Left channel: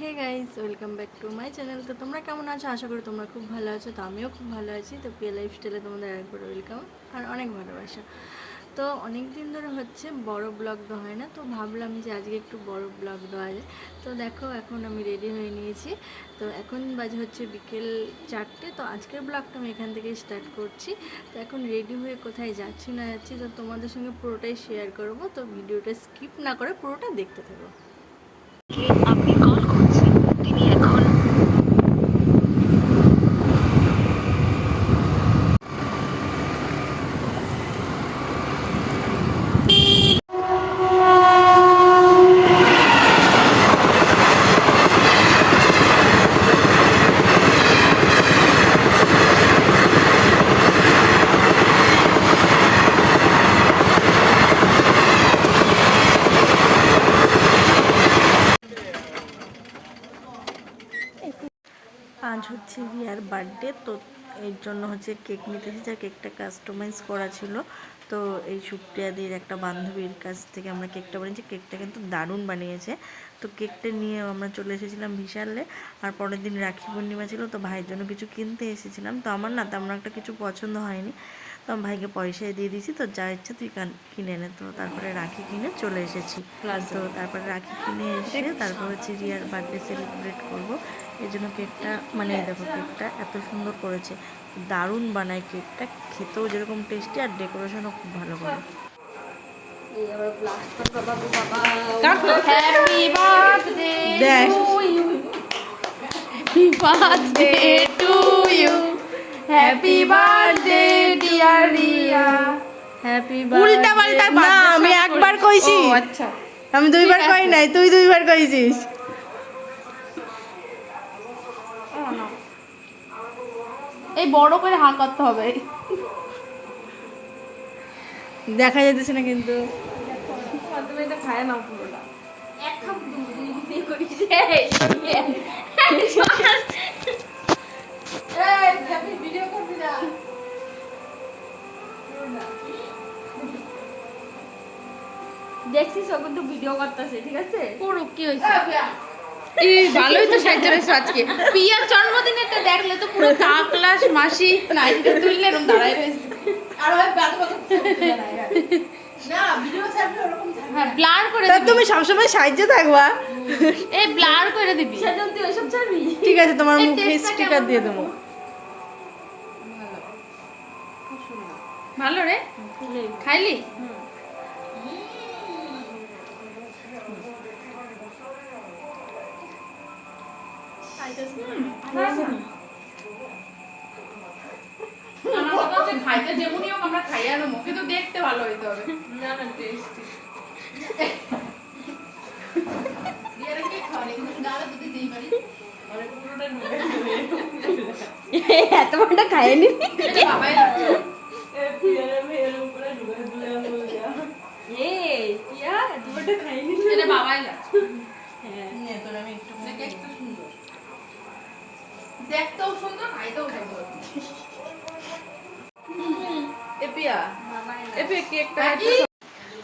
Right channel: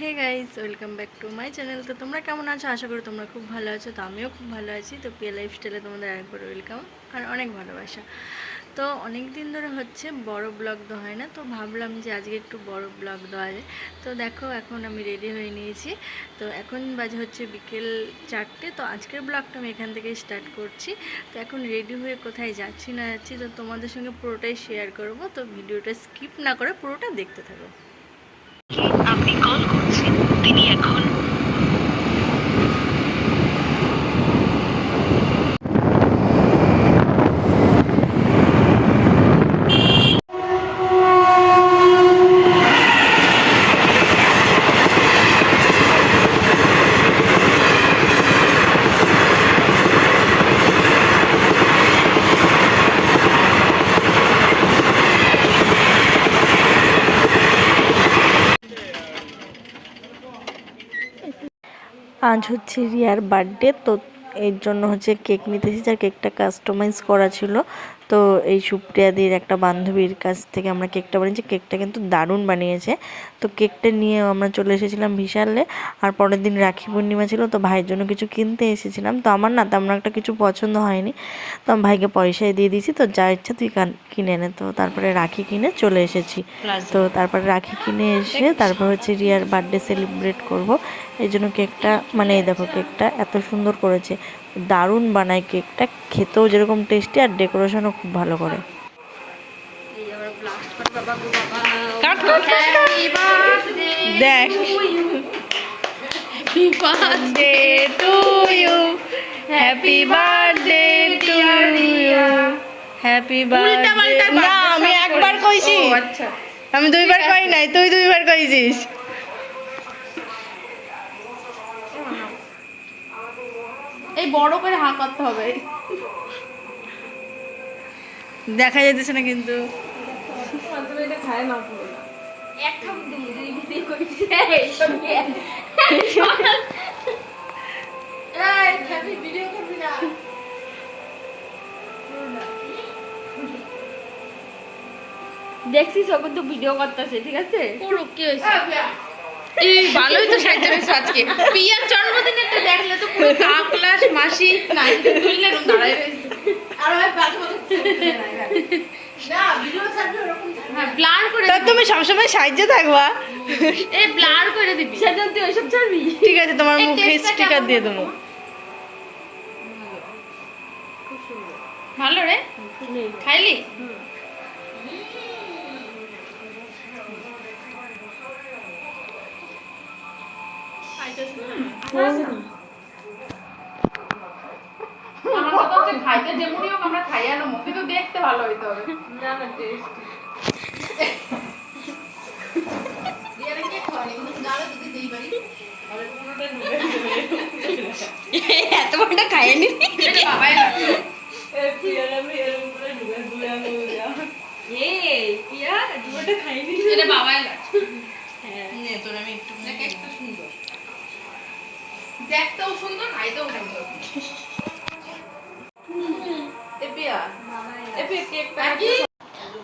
Hey guys welcome back to my channel তো তোমরা কেমন আছো? আশা করি তোমরা খুব ভালো আছো। তো আমিও খুব ভালো আছি। তো পিয়া লাইফস্টাইলে তোমাদের আরেকবার ওয়েলকাম আর অনেক ভালোবাসা। তো অনেক দিন ধরে হচ্ছে বড় ব্লগ দেওয়া হয় না। তো ভাবলাম যে আজকে একটু বড় ব্লগ দেওয়া যায়। তো দেখো, এখন আমি রেডি হয়ে নিয়েছি। তো এখন বাজে হচ্ছে বিকেল চারটে। তো আজকের ব্লগটা আমি এখান থেকে স্টার্ট করছি। তো এখন রেডি হয়ে কোথায় যাচ্ছি না যাচ্ছি, তো তোমাদের সঙ্গে পুরোটাই শেয়ার করব। তো ভিডিওটা স্কিপ না করে পুরোটা দেখতে থাকো। আপনি কল করছেন তিনি এখন আজ হচ্ছে রিয়ার বার্থডে, তো এর জন্য হচ্ছে কেক নিতেছি যা কেকটা কাস্টমাইজ করা ছিল। তো এই সুপ্রিয়াদির একটা বান্ধবীর কাছ থেকে আমরা কেকটা বানিয়েছি। কেকটা কিন্তু দারুণ বানিয়েছে। তো কেকটা নিয়ে আমরা চলে এসেছিলাম বিশালে আর পরের দিন রাখি পূর্ণিমা ছিল তো ভাইয়ের জন্য কিছু কিনতে এসেছিলাম। তো আমার না তেমন একটা কিছু পছন্দ হয়নি। তো আমি ভাইকে পয়সায় দিয়ে দিয়েছি। তো যা ইচ্ছা তুই কিনে নে। তো তারপরে রাখি কিনে চলে এসেছি। তো তারপরে রাখি কিনে এসে তারপর হচ্ছে রিয়ার বার্থডে সেলিব্রেট করব। এই জন্য কেকটা মানে এই দেখো কেকটা এত সুন্দর করেছে। দারুণ বানায় কেকটা। খেতেও যেরকম টেস্টি আর ডেকোরেশনও খুব ভালো করে। দেখ। হ্যাপি বার্থডে হ্যাপি বার্থডে না আমি একবার কইছি। আমি দুইবার কই নাই তুই দুইবার কইছিস। এই বড় করে হাঁ করতে হবে। দেখা যেতেছে না কিন্তু। এটা খায় না পুরোটা। ভিডিও করবি না। দেখছিস ও কিন্তু ভিডিও করতেছে ঠিক আছে? করুক কি হয়েছে? এই ভালোই তো হয়েছে আজকে। পিয়ার জন্মদিনেরটা দেখলে তো ক্লাস মাসি না এটা তুললে এরকম দাঁড়ায় হ্যাঁ। দিবি। তুমি সবসময় সাহায্য থাকবা। ব্লার করে দিবি। ঠিক আছে তোমার মুখে স্টিকার দিয়ে দেবো। ভালো রে? খাইলি? আমার হচ্ছে খাইতে যেমনই হোক আমরা খাইয়া নেব কিন্তু দেখতে ভালো হইতে হবে। না না টেস্ট এত বড়টা বাবাই দেখতেও সুন্দর খাইতেও সুন্দর।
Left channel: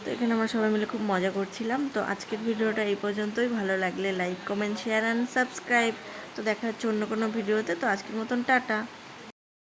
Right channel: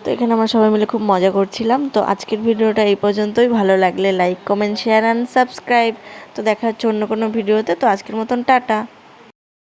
তো এখানে আমরা সবাই মিলে খুব মজা করছিলাম। তো আজকের ভিডিওটা এই পর্যন্তই। ভালো লাগলে like comment share and subscribe তো দেখা হচ্ছে অন্য কোনো ভিডিওতে। তো আজকের মতন টাটা।